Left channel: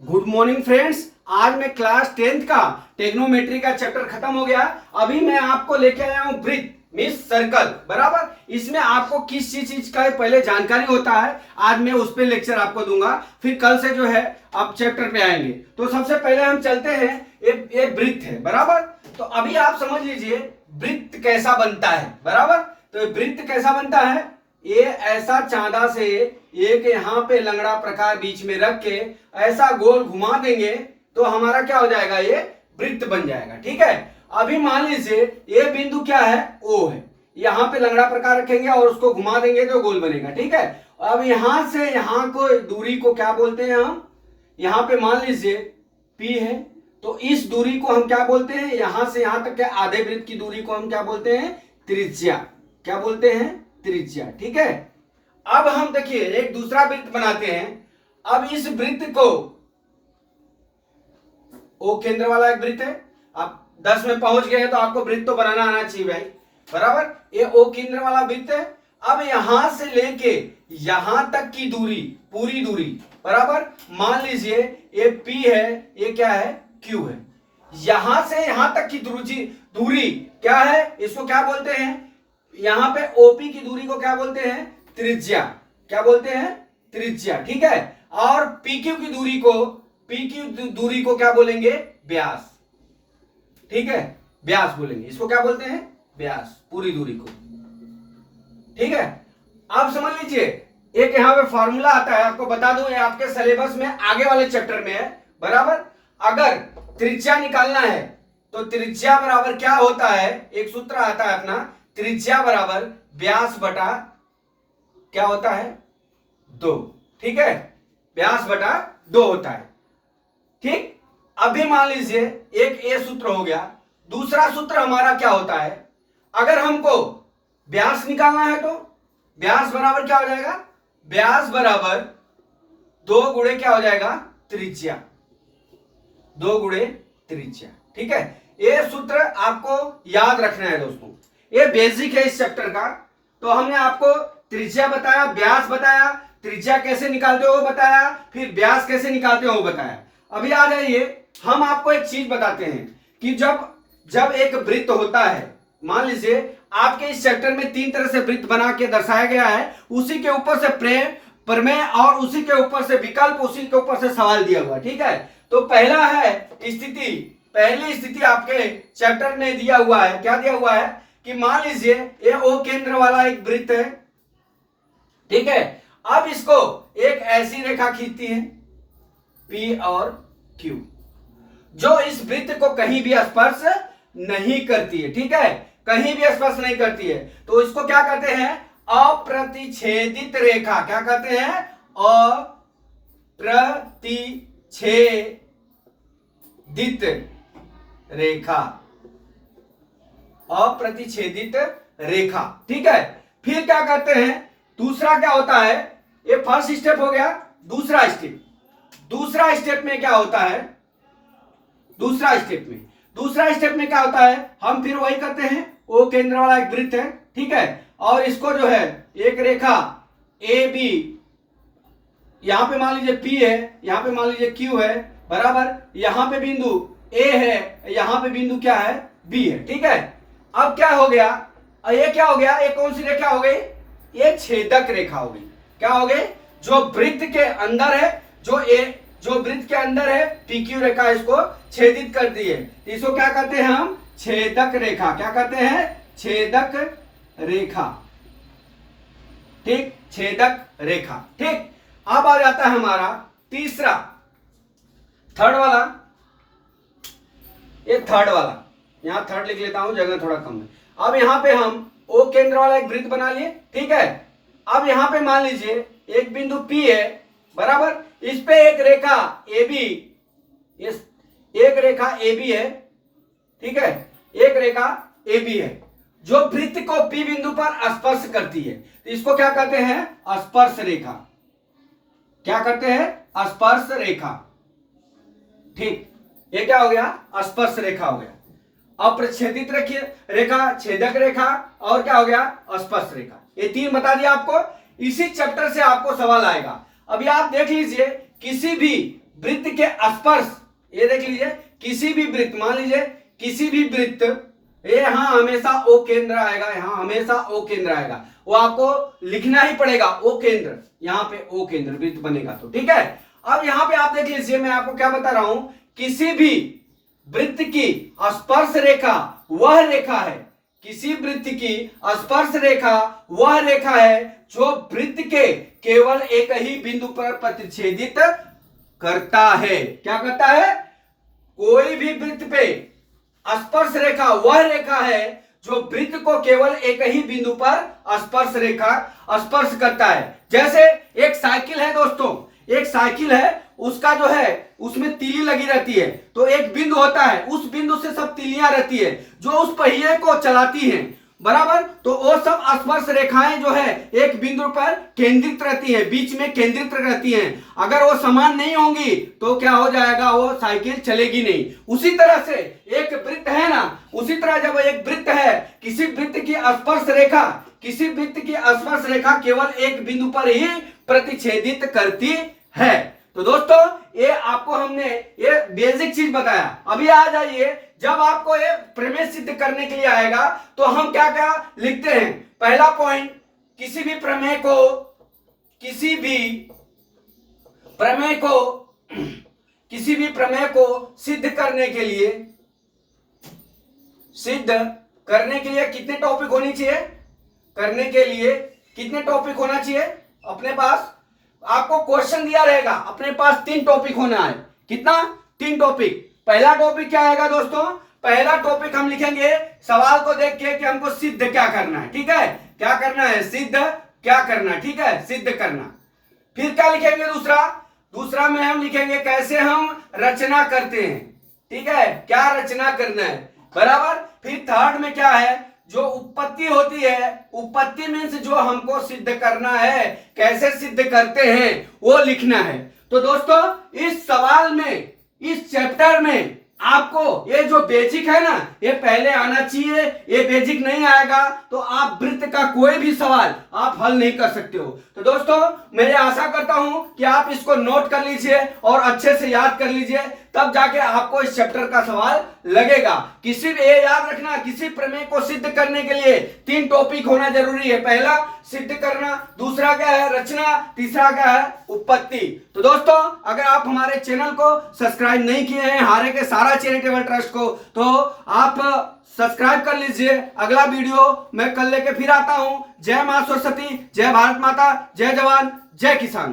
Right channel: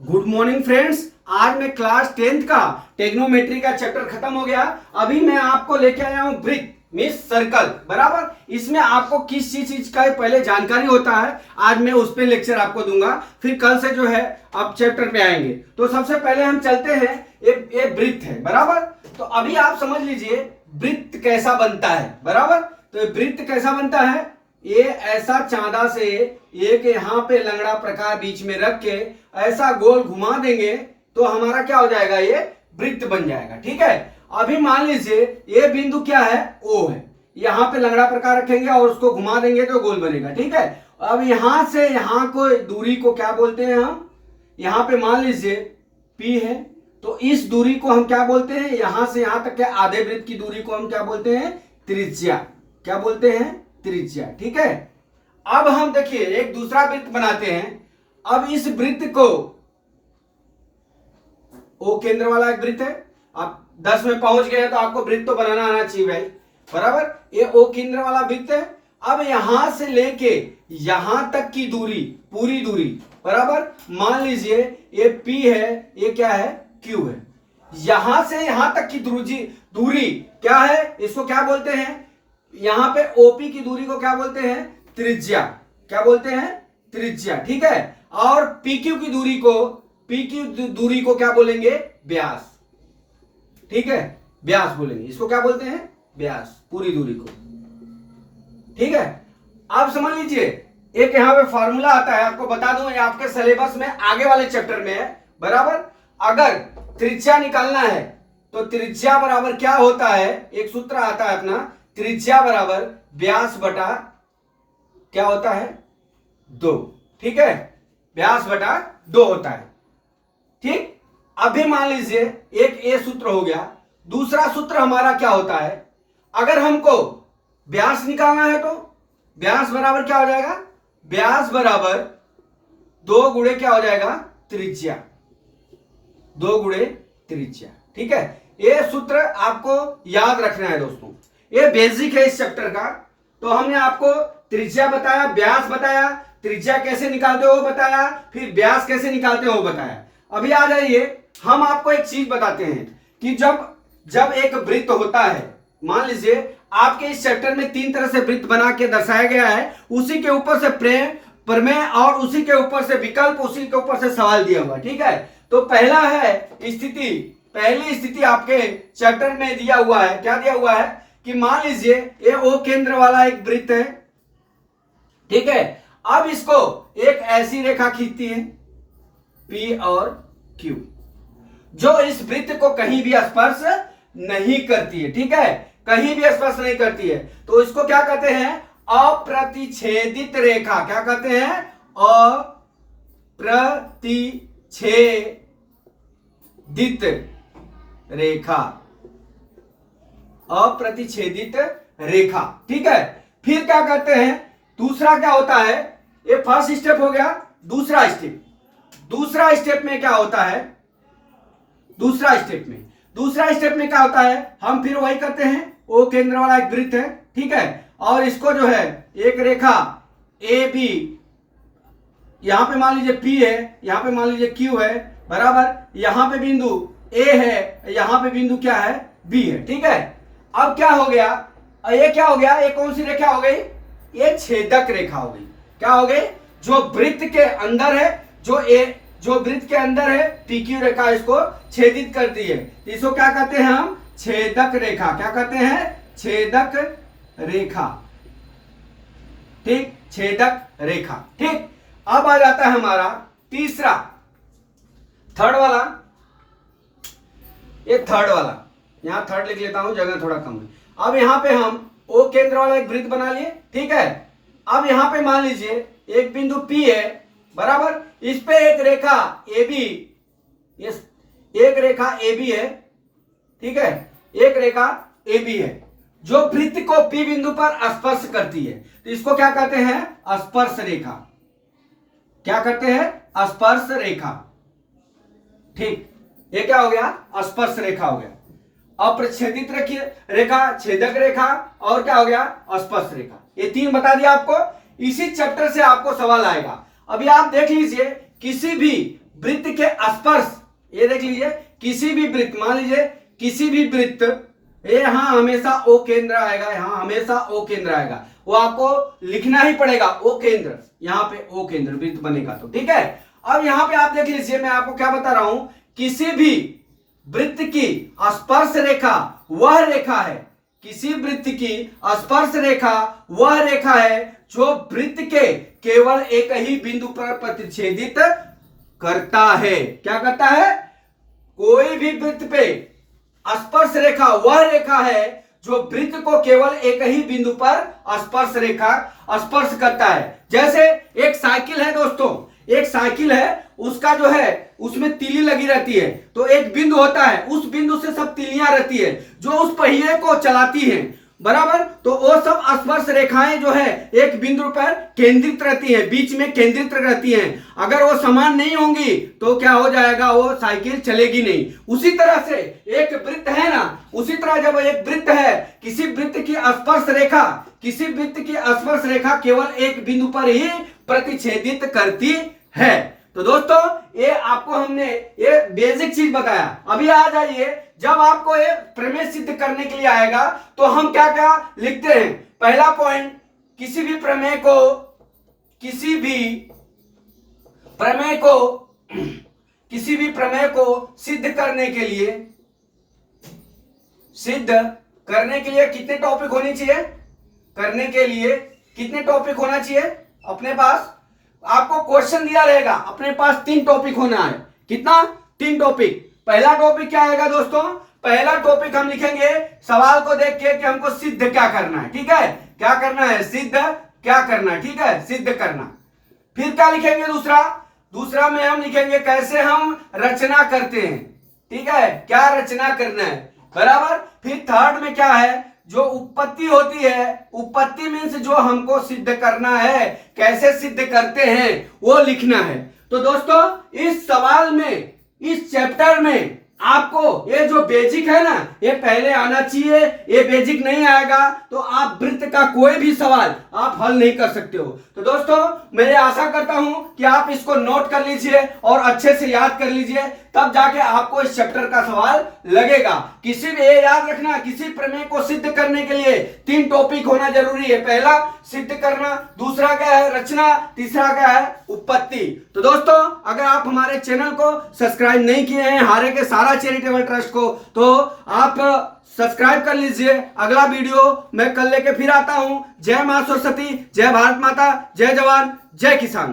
Good morning friends. आज मैं class 10th का टेक्नोमेट्री का चैप्टर खत्म हो गया। अभी मैं आपको लेके आया हूं वृत्त मींस सर्कल। बराबर, इसमें आपको किस चीज का पहले जानकारी होता है, आज मैं उस पे लेक्चर आपको दूंगा। फिर कल से जो है अब चैप्टर पे आएंगे। तो सबसे पहले हम चलते हैं, एक वृत्त है। बराबर, तो अभी आप समझ लीजिए वृत्त कैसा बनता है। बराबर, तो वृत्त कैसा बनता है, ये ऐसा चांदा से एक यहाँ पे लंगड़ा प्रकार बीच में रख के ऐसा गोल घुमा देंगे तो हमारा क्या हो जाएगा, ये वृत्त बन जाएगा। ठीक है, अभी मान लीजिए ये बिंदु क्या है, ओ है। यहाँ पे लंगड़ा प्रकार रखेंगे और उसको घुमा देंगे तो गोल बनेगा। ठीक है, अब यहां से यहां को दूरी को क्या बोलते हैं हम, यहाँ पे मान लीजिए P है, तो इस दूरी को हम क्या बोलते हैं, यहां से यहां तक के आधे वृत्त की दूरी को हम क्या बोलते हैं, त्रिज्या। क्या बोलते हैं, त्रिज्या। ठीक है, अब हम देखिए एक दूसरा वृत्त बनाते हैं। अब इस वृत्त को, ओ केंद्र वाला एक वृत्त है। आप 10 में पहुंच गए तो आपको वृत्त तो बनाना आना चाहिए भाई। बराबर, ये ओ केंद्र वाला वृत्त है। अब यहां से लेके यहां तक की दूरी, पूरी दूरी, बराबर मान लीजिए ये P है, ये क्या है, Q है। यहां से यहां तक की दूरी क्या है, इसको क्या बोलते हैं, यहां पे OP की दूरी को क्या बोलते हैं, त्रिज्या। क्या बोलते हैं, त्रिज्या। ठीक है, और PQ की दूरी को, PQ दूरी को क्या बोलेंगे, व्यास। ठीक है, व्यास बोलेंगे, इसको क्या बोलते हैं, व्यास, पूरी दूरी को। ठीक है, आप समझ लीजिए एक यहां पे फॉर्मूला आता है, आपको बता दूं, ये आपके सिलेबस में आगे वाले चैप्टर में है। बराबर, अगर त्रिज्या निकालना है तो त्रिज्या बराबर क्या होता है, एक सूत्र आता है अपना, त्रिज्या बराबर व्यास बटा क्या होता है, 2। ठीक है, व्यास बटा 2 होता है। ठीक, अभी मान लीजिए एक ये सूत्र हो गया। दूसरा सूत्र हमारा क्या होता है, अगर हमको व्यास निकालना है तो व्यास बराबर क्या हो जाएगा, व्यास बराबर 2 गुणे क्या हो जाएगा, त्रिज्या। 2 गुणे त्रिज्या। ठीक है, ये सूत्र आपको याद रखना है दोस्तों, ये बेसिक है इस चैप्टर का। तो हमने आपको त्रिज्या बताया, व्यास बताया, त्रिज्या कैसे निकालते हो वो बताया, फिर व्यास कैसे निकालते हो वो बताया। अभी आ जाइए, हम आपको एक चीज बताते हैं कि जब एक वृत्त होता है, मान लीजिए आपके इस चैप्टर में 3 तरह से वृत्त बना के दर्शाया गया है, उसी के ऊपर से प्रमेय और उसी के ऊपर से विकल्प, उसी के ऊपर से सवाल दिया हुआ। ठीक है, तो पहला है स्थिति, पहली स्थिति आपके चैप्टर में दिया हुआ है। क्या दिया हुआ है कि मान लीजिए ये ओ केंद्र वाला एक वृत्त है। ठीक है, अब इसको एक ऐसी रेखा खींचती है P और Q, जो इस वृत्त को कहीं भी स्पर्श नहीं करती है। ठीक है, कहीं भी स्पर्श नहीं करती है, तो इसको क्या कहते हैं, अप्रतिच्छेदित रेखा। क्या कहते हैं, अप्रतिच्छेदित रेखा, अप्रतिच्छेदित रेखा। ठीक है, फिर क्या करते हैं, दूसरा क्या होता है, ये फर्स्ट स्टेप हो गया। दूसरा स्टेप में क्या होता है, दूसरा स्टेप में क्या होता है, हम फिर वही करते हैं, ओ केंद्र वाला एक वृत्त है। ठीक है, और इसको जो है एक रेखा AB, यहां पे मान लीजिए P है, यहां पे मान लीजिए Q है। बराबर, यहां पे बिंदु A है, यहां पे बिंदु क्या है, B है। ठीक है, अब क्या हो गया, ये क्या हो गया, ये कौन सी रेखा हो गई, ये छेदक रेखा हो गई। क्या हो गई, जो वृत्त के अंदर है, जो वृत्त के अंदर है, PQ रेखा इसको छेदित करती है। इसको क्या कहते हैं हम, छेदक रेखा। क्या कहते हैं, छेदक रेखा। ठीक, छेदक रेखा। ठीक, अब आ जाता है हमारा तीसरा, थर्ड वाला। ये थर्ड वाला, यहां थर्ड लिख लेता हूं, जगह थोड़ा कम है। अब यहां पे हम ओ केंद्र वाला एक वृत्त बना लिए। ठीक है, अब यहां पे मान लीजिए एक बिंदु P है। बराबर, इस पे एक रेखा AB, एक रेखा AB है। ठीक है, एक रेखा AB है जो वृत्त को P बिंदु पर स्पर्श करती है, तो इसको क्या कहते हैं, स्पर्श रेखा। क्या करते हैं, स्पर्श रेखा। ठीक, ये क्या हो गया, स्पर्श रेखा हो गया। अप्रच्छेदित रेखा, छेदक रेखा, और क्या हो गया, स्पर्श रेखा। ये 3 बता दिया आपको। इसी चैप्टर से आपको सवाल आएगा। अभी आप देख लीजिए, किसी भी वृत्त के स्पर्श, ये देख लीजिए, किसी भी वृत्त, मान लीजिए किसी भी वृत्त, ये यहां हमेशा ओ केंद्र आएगा, यहां हमेशा ओ केंद्र आएगा, वो आपको लिखना ही पड़ेगा ओ केंद्र, यहां पे ओ केंद्र वृत्त बनेगा तो ठीक है। अब यहां पे आप देख लीजिए, मैं आपको क्या बता रहा हूं, किसी भी वृत्त की स्पर्श रेखा वह रेखा है, किसी वृत्त की स्पर्श रेखा वह रेखा है जो वृत्त के केवल एक ही बिंदु पर प्रतिच्छेदित करता है। क्या करता है? कोई भी वृत्त पे स्पर्श रेखा वह रेखा है जो वृत्त को केवल एक ही बिंदु पर स्पर्श रेखा स्पर्श करता है। जैसे एक साइकिल है दोस्तों, एक साइकिल है, उसका जो है उसमें तीली लगी रहती है, तो एक बिंदु होता है, उस बिंदु से सब तीलियां रहती है जो उस पहिए को चलाती हैं, बराबर। तो वो सब स्पर्श रेखाएं जो है एक बिंदु पर केंद्रित रहती हैं, बीच में केंद्रित रहती हैं। अगर वो समान नहीं होंगी तो क्या हो जाएगा, वो साइकिल चलेगी नहीं। उसी तरह से एक वृत्त है ना, उसी तरह जब एक वृत्त है, किसी वृत्त की स्पर्श रेखा, किसी वृत्त की स्पर्श रेखा केवल एक बिंदु पर ही प्रतिच्छेदित करती है। तो दोस्तों ये आपको हमने ये बेसिक चीज बताया। अभी आ जाइए, जब आपको ये प्रमेय सिद्ध करने के लिए आएगा तो हम क्या क्या लिखते हैं। पहला पॉइंट, किसी भी प्रमेय को सिद्ध करने के लिए कितने टॉपिक होने चाहिए, करने के लिए कितने टॉपिक होना चाहिए अपने पास। आपको क्वेश्चन दिया रहेगा, अपने पास 3 टॉपिक होना है। कितना? 3 टॉपिक। पहला टॉपिक क्या आएगा दोस्तों? पहला टॉपिक हम लिखेंगे सवाल को देख के कि हमको सिद्ध क्या करना है, ठीक है, क्या करना है, सिद्ध क्या करना है, ठीक है, सिद्ध करना। फिर क्या लिखेंगे दूसरा में हम लिखेंगे कैसे हम रचना करते हैं, ठीक है, क्या रचना करना है, बराबर। फिर थर्ड में क्या है, जो उत्पत्ति होती है, उत्पत्ति मीन्स जो हमको सिद्ध करना है, कैसे सिद्ध करते हैं वो लिखना है। तो दोस्तों इस सवाल में, इस चैप्टर में आपको ये जो बेसिक है ना, ये पहले आना चाहिए। ये बेसिक नहीं आएगा तो आप वृत्त का कोई भी सवाल आप हल नहीं कर सकते हो। तो दोस्तों मैं ये आशा करता हूं कि आप इसको नोट कर लीजिए और अच्छे से याद कर लीजिए, तब जाके आपको इस चैप्टर का सवाल लगेगा। किसी भी, ये याद रखना, किसी प्रमेय को सिद्ध करने के लिए 3 टॉपिक होना जरूरी है। पहला सिद्ध करना, दूसरा क्या है रचना, तीसरा क्या है उत्पत्ति। तो दोस्तों अगर आप हमारे चैनल को सब्सक्राइब नहीं किए हैं, हारे के सारा चैरिटेबल ट्रस्ट को, तो आप सब्सक्राइब कर लीजिए। अगला वीडियो मैं कल लेके फिर आता हूं। जय मां सरस्वती, जय भारत माता, जय जवान, जय किसान।